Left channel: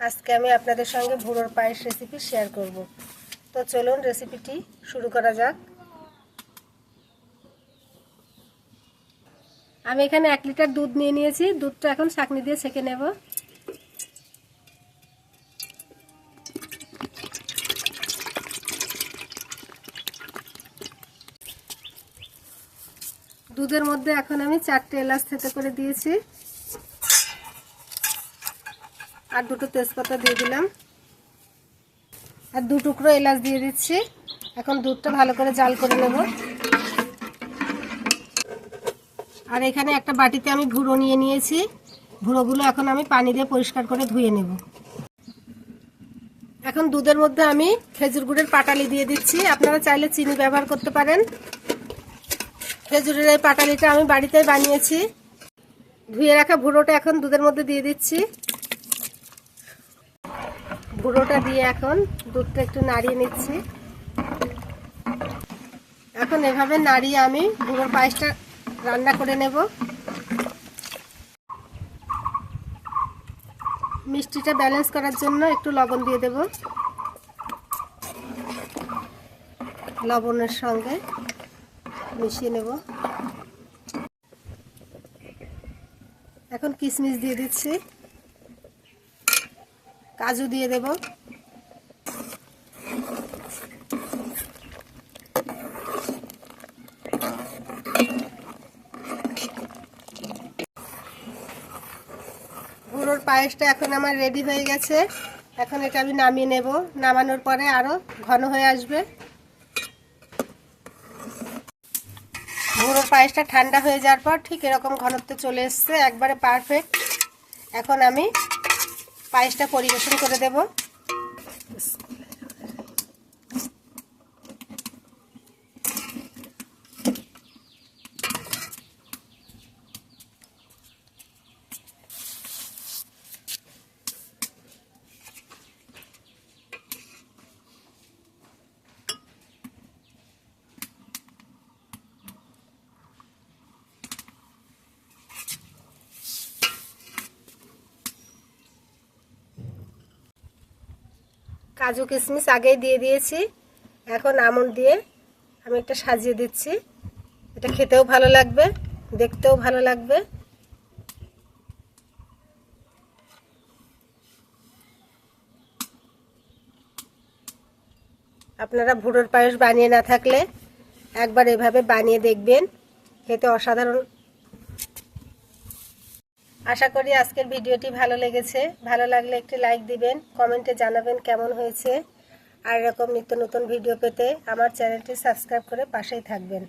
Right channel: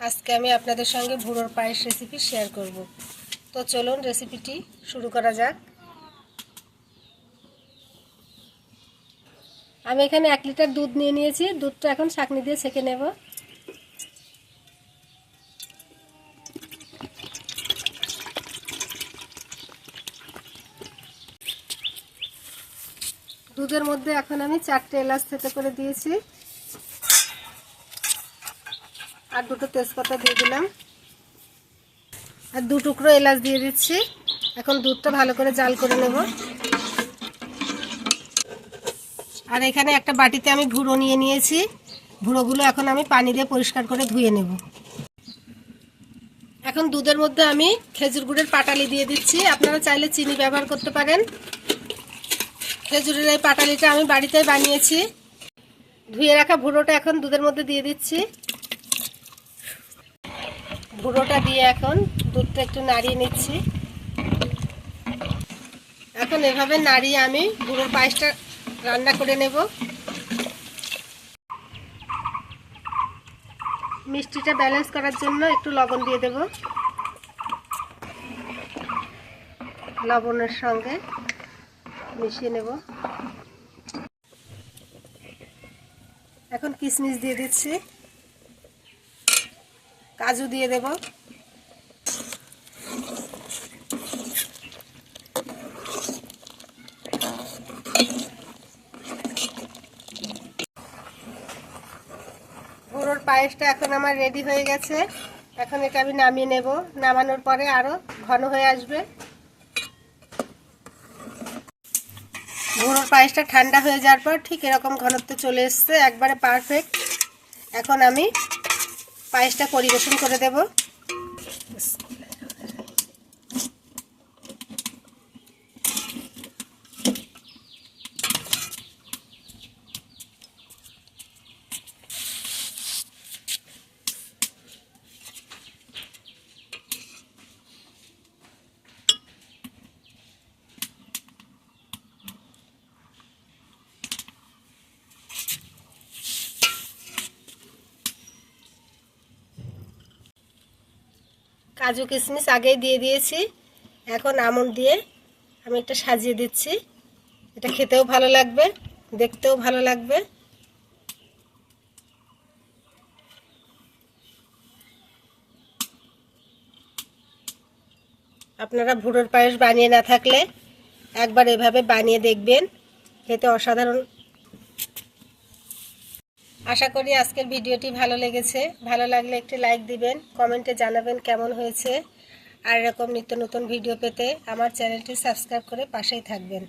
আজকে আমি আপনাদের সঙ্গে ভুড়োর পায়েস রেসিপি শেয়ার করব। তো চলুন রেসিপিটি শুরু করা যাক। আমি এখানে 1 লিটার দুধ নিয়ে নিয়েছি। দুধটা এখন ছাঁকনি দিয়ে ছেঁকে নেব। দুধের মধ্যে এখন আমি 4টে এলাচ থেতে করে দিয়েছি আর 2টো তেজপাতা দিয়ে দিলাম আর 2 টুকরো এলাচ দিয়ে দিচ্ছি। এখন দুধটা ভালো করে জাল করে নেব। আর এখানে একটা বাটিতে আমি ভুড়ো নিয়ে নিয়েছি। ভুড়োগুলো এখন আমি পানি দিয়ে পরিষ্কার করে ধুয়ে নেব। এখন দুধের মধ্যে আমি খেজুর গুড়ের পাটালি দিয়ে দিচ্ছি। আপনারা চাইলে চিনি ব্যবহার করতে পারেন। খেজুরের এই পাটালিটা আমি বাড়িতেই বানিয়েছি। ধুয়ে রাখা ভুড়োটা এখন দুধের মধ্যে দিয়ে দিচ্ছি। ভুড়োটা দিয়ে এখন দুধটা একটু নাড়িয়ে নিচ্ছি। এখন এভাবে নাড়িয়ে আমি ভুড়োর পায়েসটা রান্না করে নেব। মিষ্টিটা ব্যালেন্স করার জন্য একটু লবণ দিয়ে দেব। লবণের সঙ্গে মিশিয়ে নেব। এখন কিশমিশ দিয়ে দিচ্ছি, কাজু দিয়ে দেব, ভুড়োর পায়েসটা এখন আমার রেডি হয়ে গেছে। এখন এটা আমি নামিয়ে নেব। নামানোর পরে আরো ঘন হয়ে আসবে। ভুড়োর পায়েসটা ঠান্ডা হয়ে যাওয়ার পর ঠিক এরকম ঘনত্বে চলে এসছে, একবারে পারফেক্ট। এখন আমি পায়েসটা পরিবেশন করে দেব। কাজু কিশমিশ আগেই দিয়ে দিয়েছি। এখন আমন্ড দিয়ে আমি এটা সাজিয়ে দিচ্ছি। এটা খেতেও ভালো লাগবে, দেখতেও ভালো লাগবে। আপনারা ভুড়োর পায়েস বানিয়ে না থাকলে একবার এভাবে বানিয়ে দেখবেন, খেতে অসাধারণ। আশা করি আজকের ভিডিওটি ভালো লেগেছে। ভালো লাগলে একটি লাইক দিবেন, কমেন্টে জানাবেন কেমন হয়েছে। আর এরকম নিত্য নতুন ভিডিও পেতে আমার চ্যানেলটি সাবস্ক্রাইব করে পাশেই থাকবেন।